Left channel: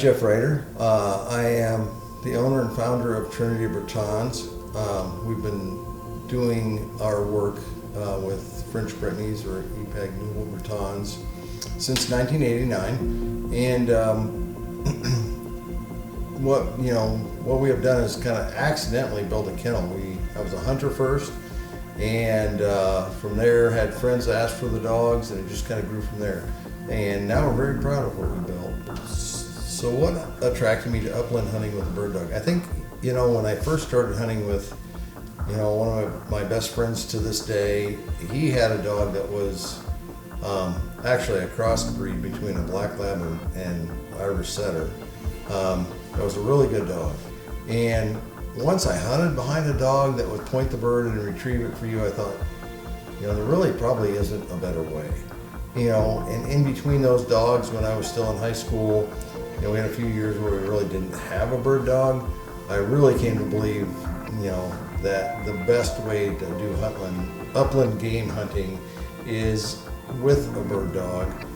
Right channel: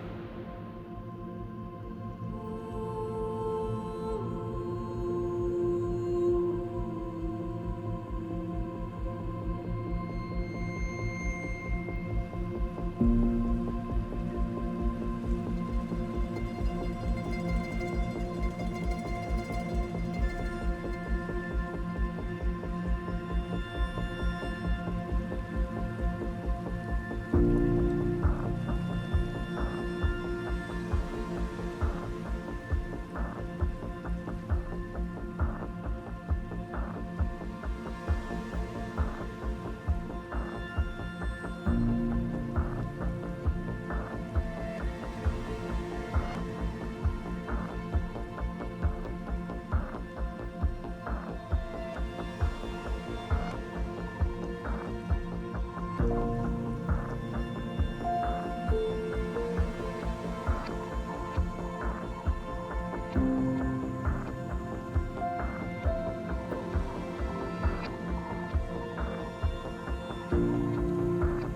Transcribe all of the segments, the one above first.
Jeff Ruiter. I am the owner and founder of Trinity Bretons. We've been doing our work with French Brittanies or Kennel Bretons since 1989, and what we have done is kind of accidentally built a kennel. I was a hunter first, and from there had friends ask for the dogs, and it just kind of grew from there. And now we're very proud of what we built. So what attracted me to upland hunting with a bird dog? I think, when I first started hunting with, one of my best friends to this day, he had a dog that was actually a crossbreed between a black lab and Irish setter. It was a really good dog. And once I hunted behind a dog that would point the bird and retrieve it for you, I thought, there really probably isn't a better way. And in between those dogs, when I was still in high school, we had a few years where we really didn't have a bird dog. I really came to believe, that the best way to do upland game hunting is with a bird dog,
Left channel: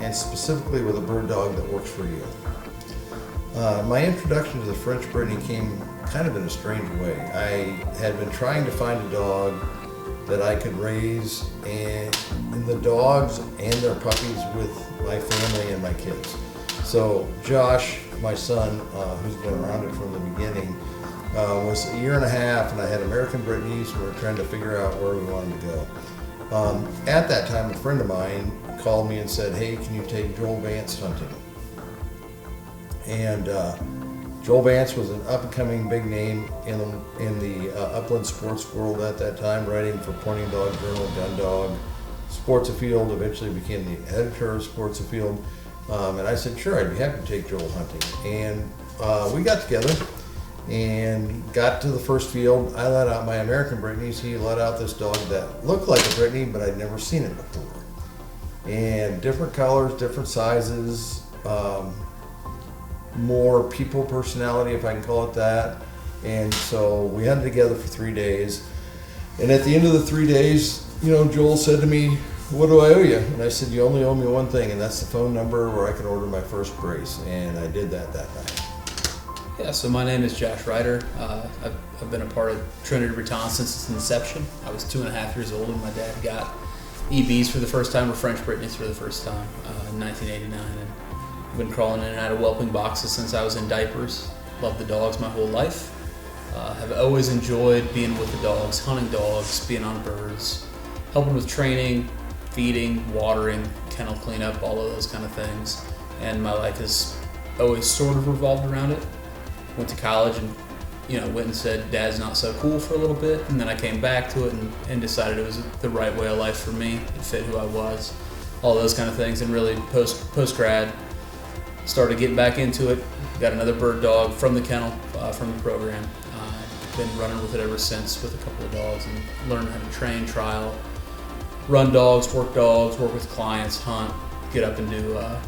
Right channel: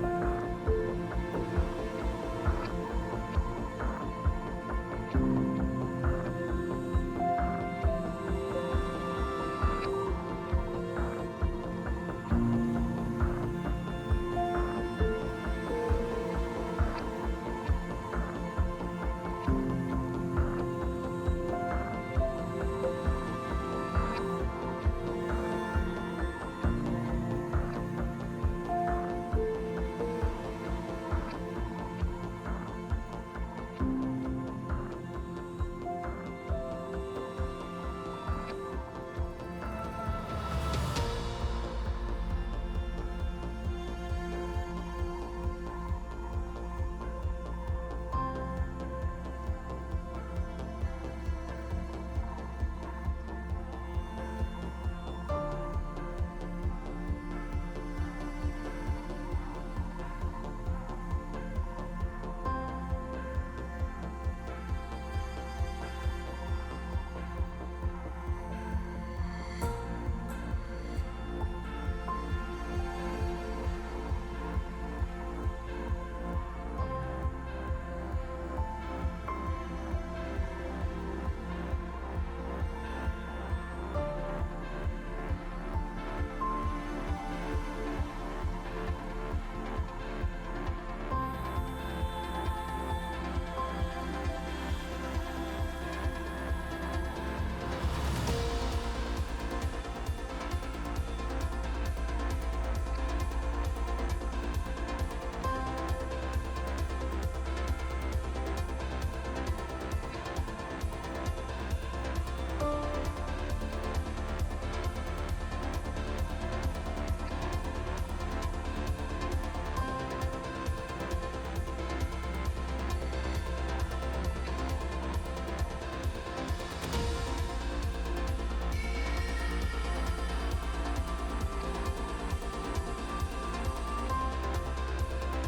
and specifically with a bird dog that works for you. My introduction to the French Brittany came kind of in a strange way. I had been trying to find a dog that I could raise and the dogs and their puppies with my family and my kids. So Josh, my son, who's been around it from the beginning, was a year and a half, and I had American Brittanies, and we were trying to figure out where we wanted to go. At that time, a friend of mine called me and said, "Hey, can you take Joel Vance hunting?" And Joel Vance was an up-and-coming big name in the upland sports world at that time, writing for Pointing Dog Journal, Gun Dog, Sports Afield, eventually became the editor of Sports Afield. And I said, sure, I'd be happy to take Joel hunting. And we got together and got to the first field. I let out my American Brittanies. He let out this dog that looked like a Brittany, but I'd never seen it before. And different colors, different sizes, more people personality, if I can call it that. And so we hunted together for 3 days. And at the end of the 3 days, Joel said to me, "What do I owe you?" And I said, "You only owe me one thing, and that's the phone number where I can order my first brace." And I did that night. Yeah, so my name is Josh Ruiter. I've been a part of Trinity Bretons since its inception. I was 2.5 years old when my dad got EBs for the first time, or French Brittanies for the first time, in 1989. And I've been crawling in and out of whelping boxes since I was in diapers. Loved the dogs my whole life. Have always enjoyed being with the dogs, hunting dogs, being on birds, helping with training, feeding, watering, kennel cleanup, all of those kind of things. And my life has always sort of revolved around it. Went to college and went and said Dad's not so cool for a little bit, and then I came back to it and decided it was the right way of life for me. It fit who I was, all those kind of things. And really post grad, started getting back into it. Got another bird dog from the kennel, from the program. Been running with it ever since with a couple of dogs, and learned how to train, trial, run dogs, work with clients, hunt, get up and do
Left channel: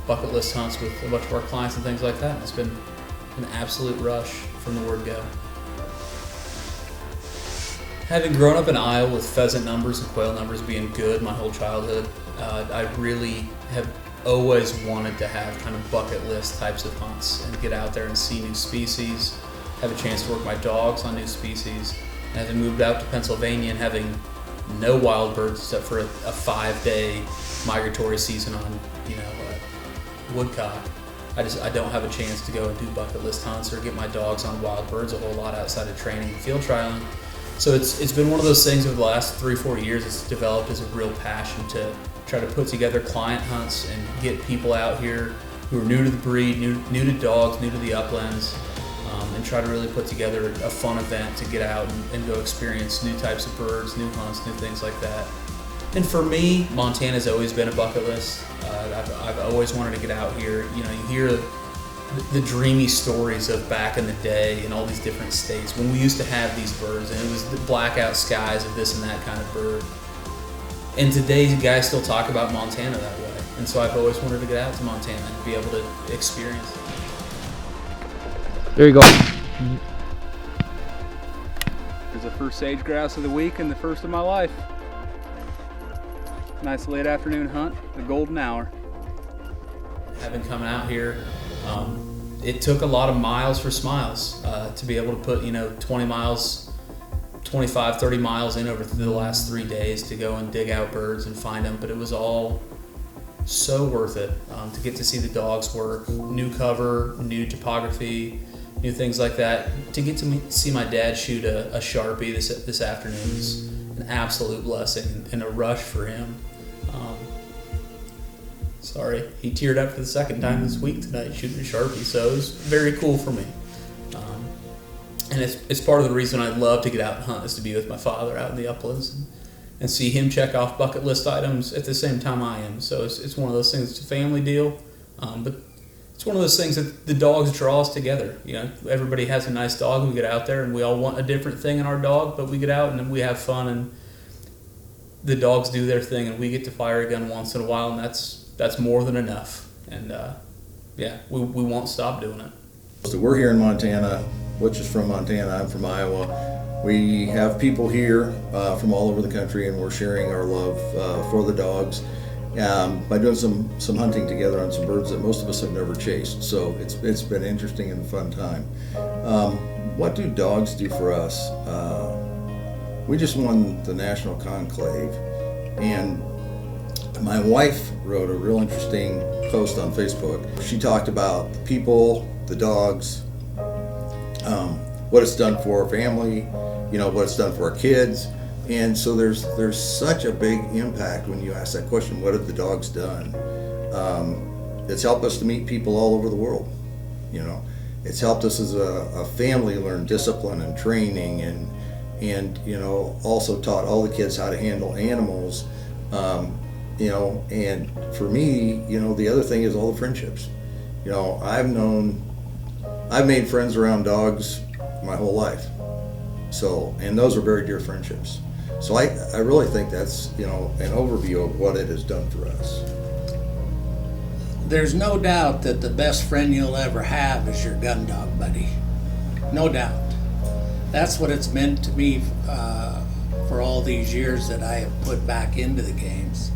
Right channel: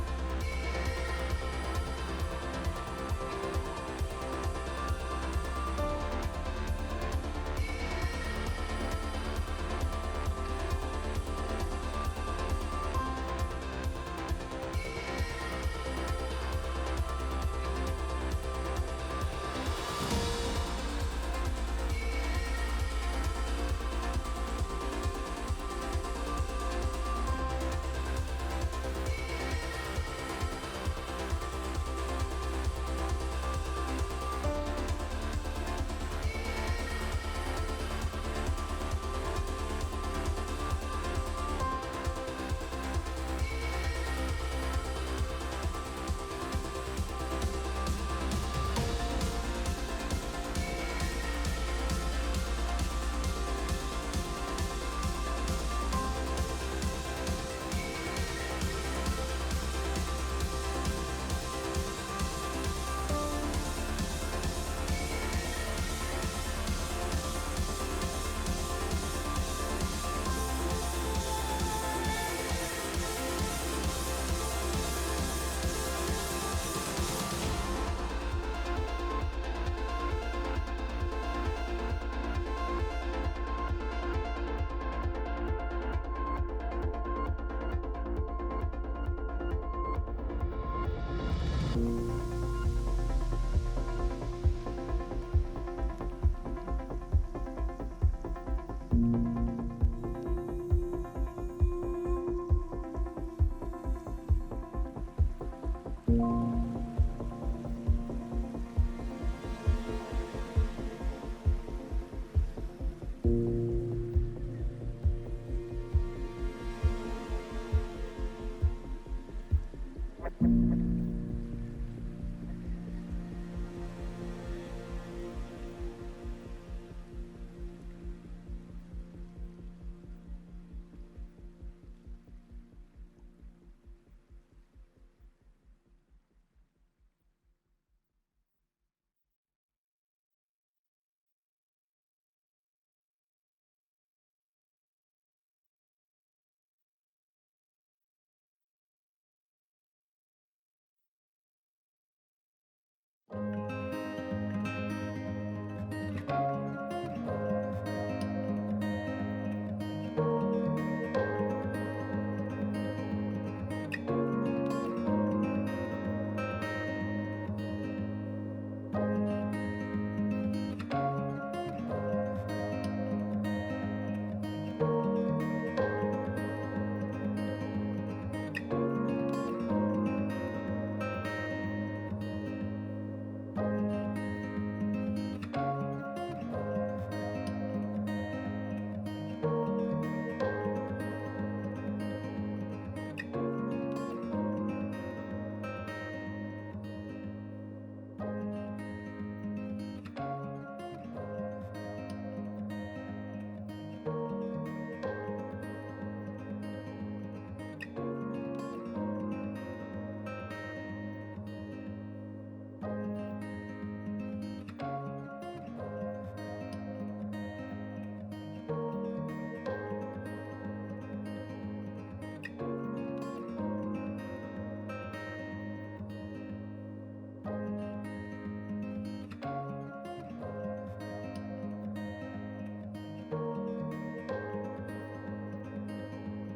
bucket list hunts with a bunch of our clients and things like that. It's been an absolute rush from the word go. Having grown up in Iowa with pheasant numbers and quail numbers being good my whole childhood, I really have always wanted to have kind of bucket list types of hunts and get out there and see new species, have a chance to work my dogs on new species. And as I moved out to Pennsylvania and having no wild birds except for a 5-day migratory season on, woodcock, I don't have a chance to go and do bucket list hunts or get my dogs on wild birds a whole lot outside of training and field trialing. So it's been one of those things over the last 3-4 years. It's developed as a real passion to try to put together client hunts and get people out here who are new to the breed, new to dogs, new to the uplands, and try to really put together a fun event to get out and go experience new types of birds, new hunts, new things like that. And for me, Montana's always been a bucket list. I've always wanted to get out here. You hear the dreamy stories of back in the day in all these different states when we used to have these birds, and it was the blackout skies of this and that kind of bird. And today, guys still talk about Montana that way. And so I've always wanted to get out to Montana and be able to experience it. There you go. There's the first sage grouse of the week and the first of my life. Nice late afternoon hunt, the golden hour. Having come out here, It took a lot of miles for smiles to be able to put 20 miles, 25, 30 miles in over the last 3 days to go and dig out birds and find them, but it was all so worth it to get to see the dogs work, new cover, new topography, new things like that. To get to see my dad shoot a Sharpie this afternoon was an absolute blessing and a rush for him. Sorry, he teared up for the second time this week tonight shooting a Sharpie, so it was very cool for me. And it's part of the reason I love to get out and hunt, is to be with my father out in the uplands and see him check off bucket list items at the same time I am. So it's one of those things, it's a family deal, but it's one of those things that the dogs draw us together. Everybody has a nice dog, we get out there and we all want a different thing in our dog, but we get out and we have fun and the dogs do their thing and we get to fire a gun once in a while, and that's more than enough. And we won't stop doing it. So we're here in Montana. Butch is from Montana, I'm from Iowa. We have people here from all over the country, and we're sharing our love for the dogs by doing some hunting together on some birds that most of us have never chased. So it's been interesting and a fun time. What do dogs do for us? We just won the National Conclave, and my wife wrote a real interesting post on Facebook. She talked about the people, the dogs, what it's done for our family, what it's done for our kids. And so there's such a big impact when you ask that question, what have the dogs done? It's helped us to meet people all over the world. It's helped us as a family learn discipline and training, and also taught all the kids how to handle animals. And for me, the other thing is all the friendships. I've made friends around dogs my whole life. So, and those are very dear friendships. So I really think that's, an overview of what it has done for us. There's no doubt that the best friend you'll ever have is your gun dog buddy. No doubt. That's what it's meant to me for all these years that I have put back into the games.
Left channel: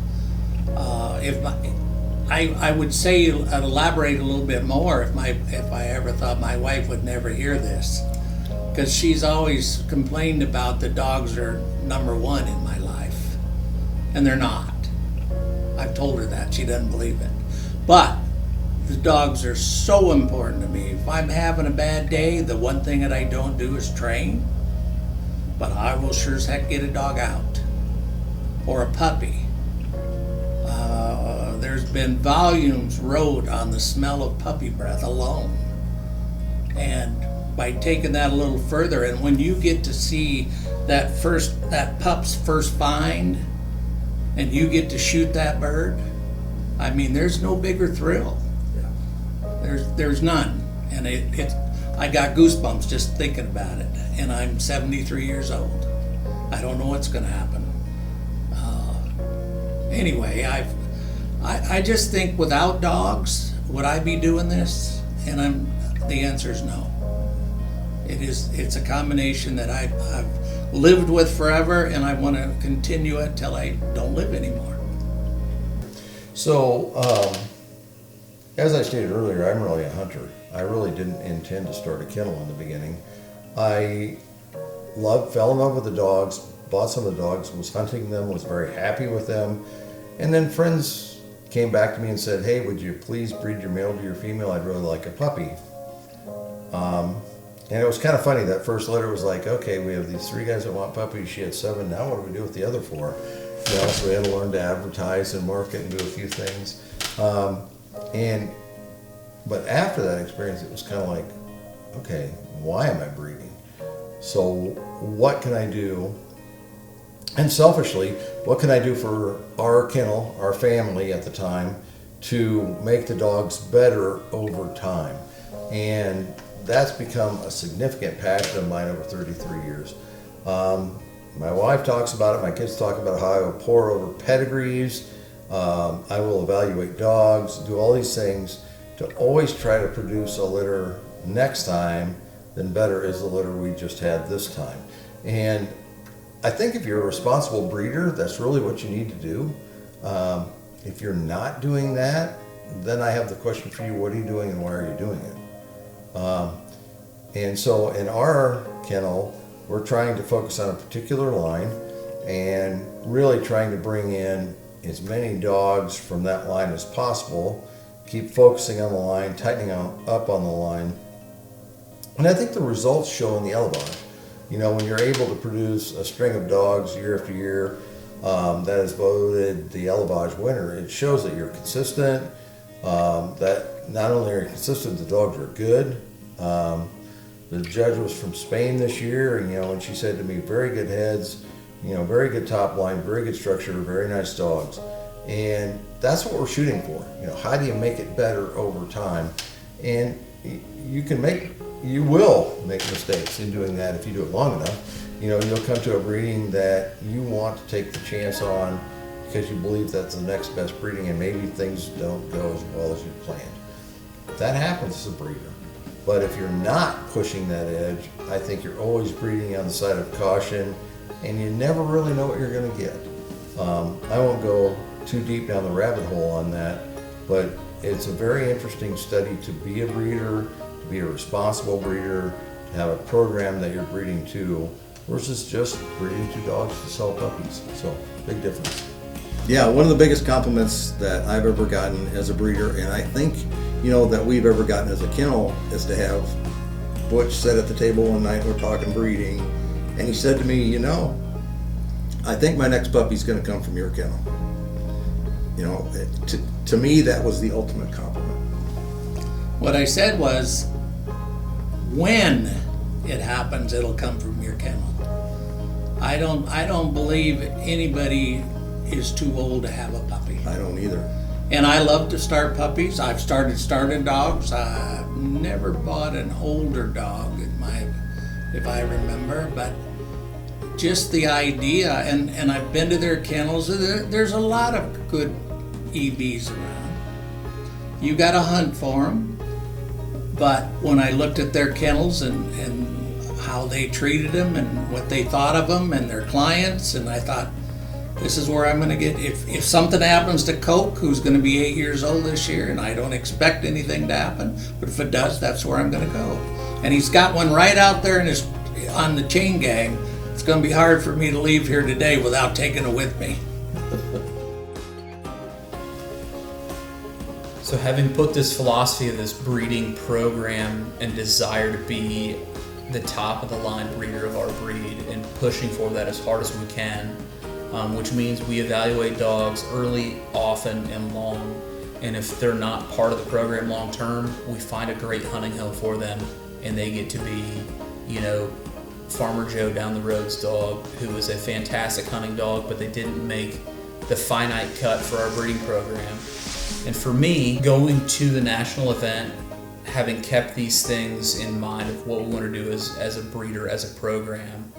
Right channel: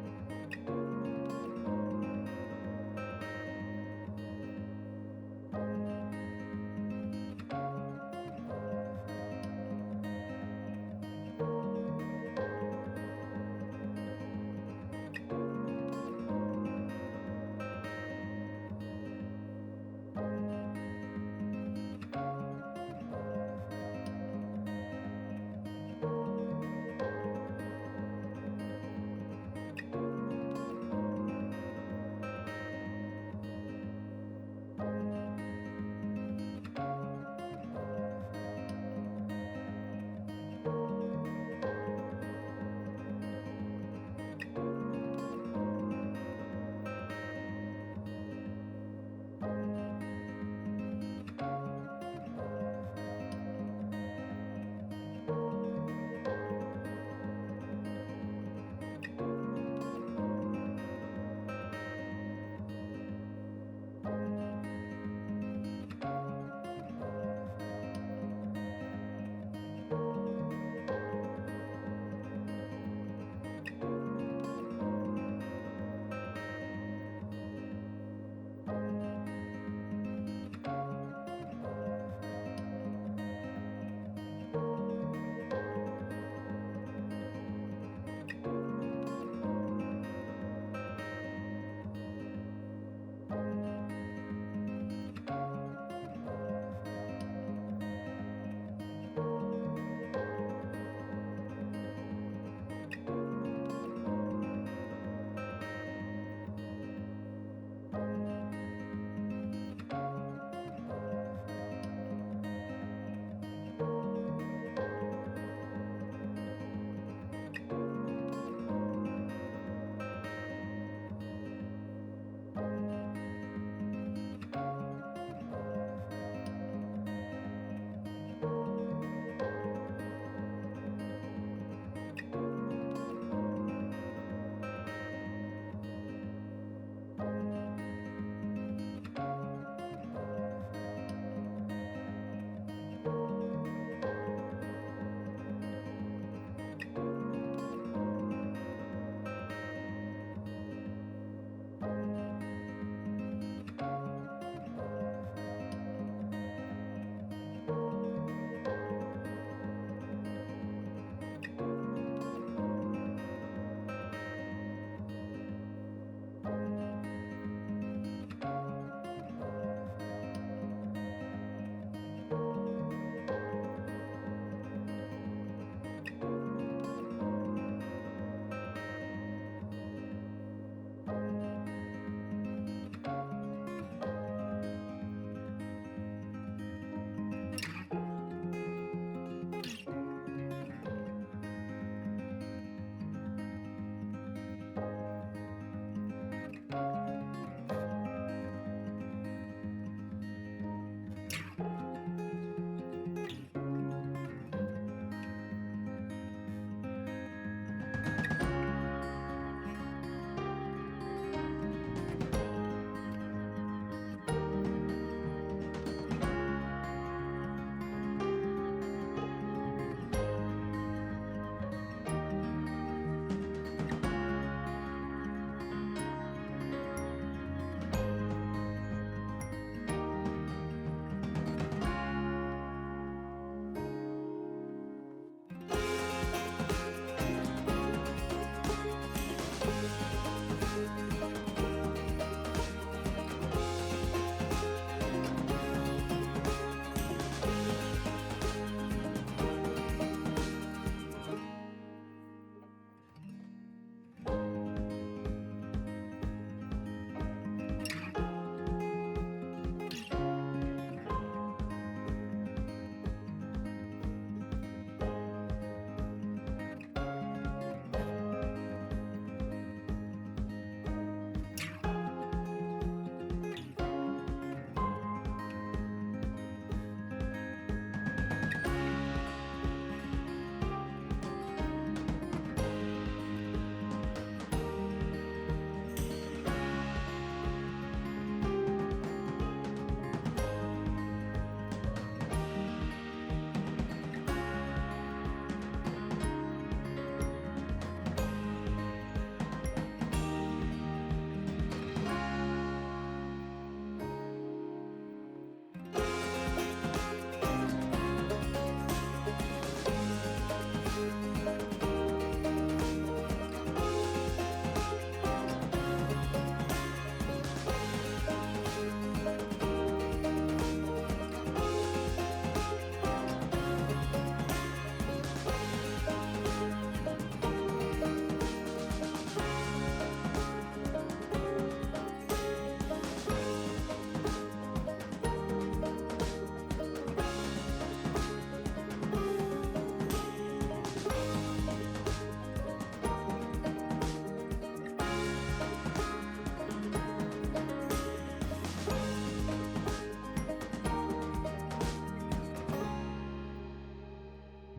I would say, I'd elaborate a little bit more if I ever thought my wife would never hear this, because she's always complained about the dogs are number one in my life, and they're not. I've told her that, she doesn't believe it. But the dogs are so important to me. If I'm having a bad day, the one thing that I don't do is train, but I will sure as heck get a dog out, or a puppy. There's been volumes wrote on the smell of puppy breath alone. And by taking that a little further, and when you get to see that pup's first find, and you get to shoot that bird, I mean, there's no bigger thrill. There's none. And I got goosebumps just thinking about it. And I'm 73 years old. I don't know what's going to happen. Anyway, I just think without dogs, would I be doing this? And the answer is no. It's a combination that I've lived with forever, and I want to continue it till I don't live anymore. So, as I stated earlier, I'm really a hunter. I really didn't intend to start a kennel in the beginning. I fell in love with the dogs, bought some of the dogs, was hunting them, was very happy with them, and then friends came back to me and said, hey, would you please breed your male to your female? I'd really like a puppy. And it was kind of funny, that first letter was like, okay, we have these 3 guys that want puppies, she had 7, now what do we do with the other 4? So we had to learn to advertise and market and do a few things. But after that experience, it was kind of like, okay, why am I breeding? So what can I do? And selfishly, what can I do for our kennel, our family at the time, to make the dogs better over time? And that's become a significant passion of mine over 33 years. My wife talks about it, my kids talk about how I will pore over pedigrees, I will evaluate dogs, do all these things to always try to produce a litter next time than better is the litter we just had this time. And I think if you're a responsible breeder, that's really what you need to do. If you're not doing that, then I have the question for you, what are you doing and why are you doing it? And so in our kennel, we're trying to focus on a particular line and really trying to bring in as many dogs from that line as possible, keep focusing on the line, tightening up on the line. And I think the results show in the elevage. You know, when you're able to produce a string of dogs year after year that is voted the elevage winner, it shows that you're consistent, that not only are you consistent, the dogs are good. The judge was from Spain this year, and and she said to me, very good heads, very good top line, very good structure, very nice dogs. And that's what we're shooting for. How do you make it better over time? And you will make mistakes in doing that if you do it long enough. You'll come to a breeding that you want to take the chance on because you believe that's the next best breeding, and maybe things don't go as well as you planned. That happens as a breeder. But if you're not pushing that edge, I think you're always breeding on the side of caution, and you never really know what you're going to get. I won't go too deep down the rabbit hole on that, but it's a very interesting study to be a breeder, to be a responsible breeder, to have a program that you're breeding to, versus just breeding to dogs to sell puppies. So, big difference. Yeah, one of the biggest compliments that I've ever gotten as a breeder, and I think, that we've ever gotten as a kennel, is to have Butch sit at the table one night, we're talking breeding, and he said to me, I think my next puppy's going to come from your kennel. To me, that was the ultimate compliment. What I said was, when it happens, it'll come from your kennel. I don't believe anybody is too old to have a puppy. I don't either. And I love to start puppies. I've started dogs. I've never bought an older dog if I remember, but just the idea, and I've been to their kennels. There's a lot of good EBs around. You got to hunt for them. But when I looked at their kennels and how they treated them and what they thought of them and their clients, and I thought, this is where I'm going to get, if something happens to Coke, who's going to be 8 years old this year, and I don't expect anything to happen, but if it does, that's where I'm going to go. And he's got one right out there on the chain gang. It's going to be hard for me to leave here today without taking it with me. So having put this philosophy of this breeding program and desire to be the top of the line breeder of our breed and pushing for that as hard as we can, which means we evaluate dogs early, often, and long. And if they're not part of the program long term, we find a great hunting home for them, and they get to be, Farmer Joe down the road's dog, who was a fantastic hunting dog, but they didn't make the finite cut for our breeding program. And for me, going to the national event, having kept these things in mind of what we want to do as a breeder, as a program,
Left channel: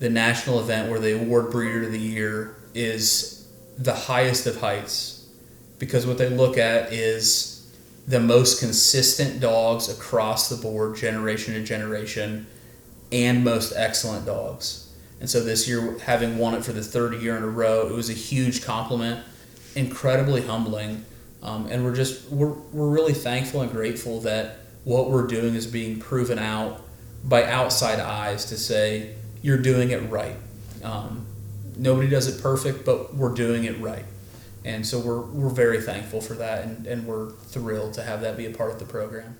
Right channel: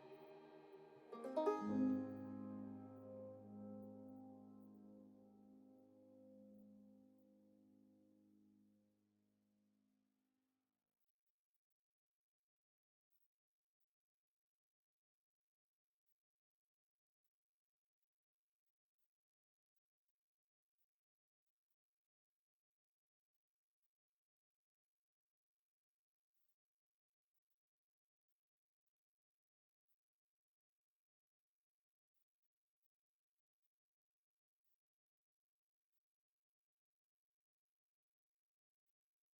the national event where they award Breeder of the Year is the highest of heights, because what they look at is the most consistent dogs across the board, generation to generation, and most excellent dogs. And so this year, having won it for the third year in a row, it was a huge compliment, incredibly humbling. And we're really thankful and grateful that what we're doing is being proven out by outside eyes to say, you're doing it right. Nobody does it perfect, but we're doing it right. And so we're very thankful for that, and we're thrilled to have that be a part of the program.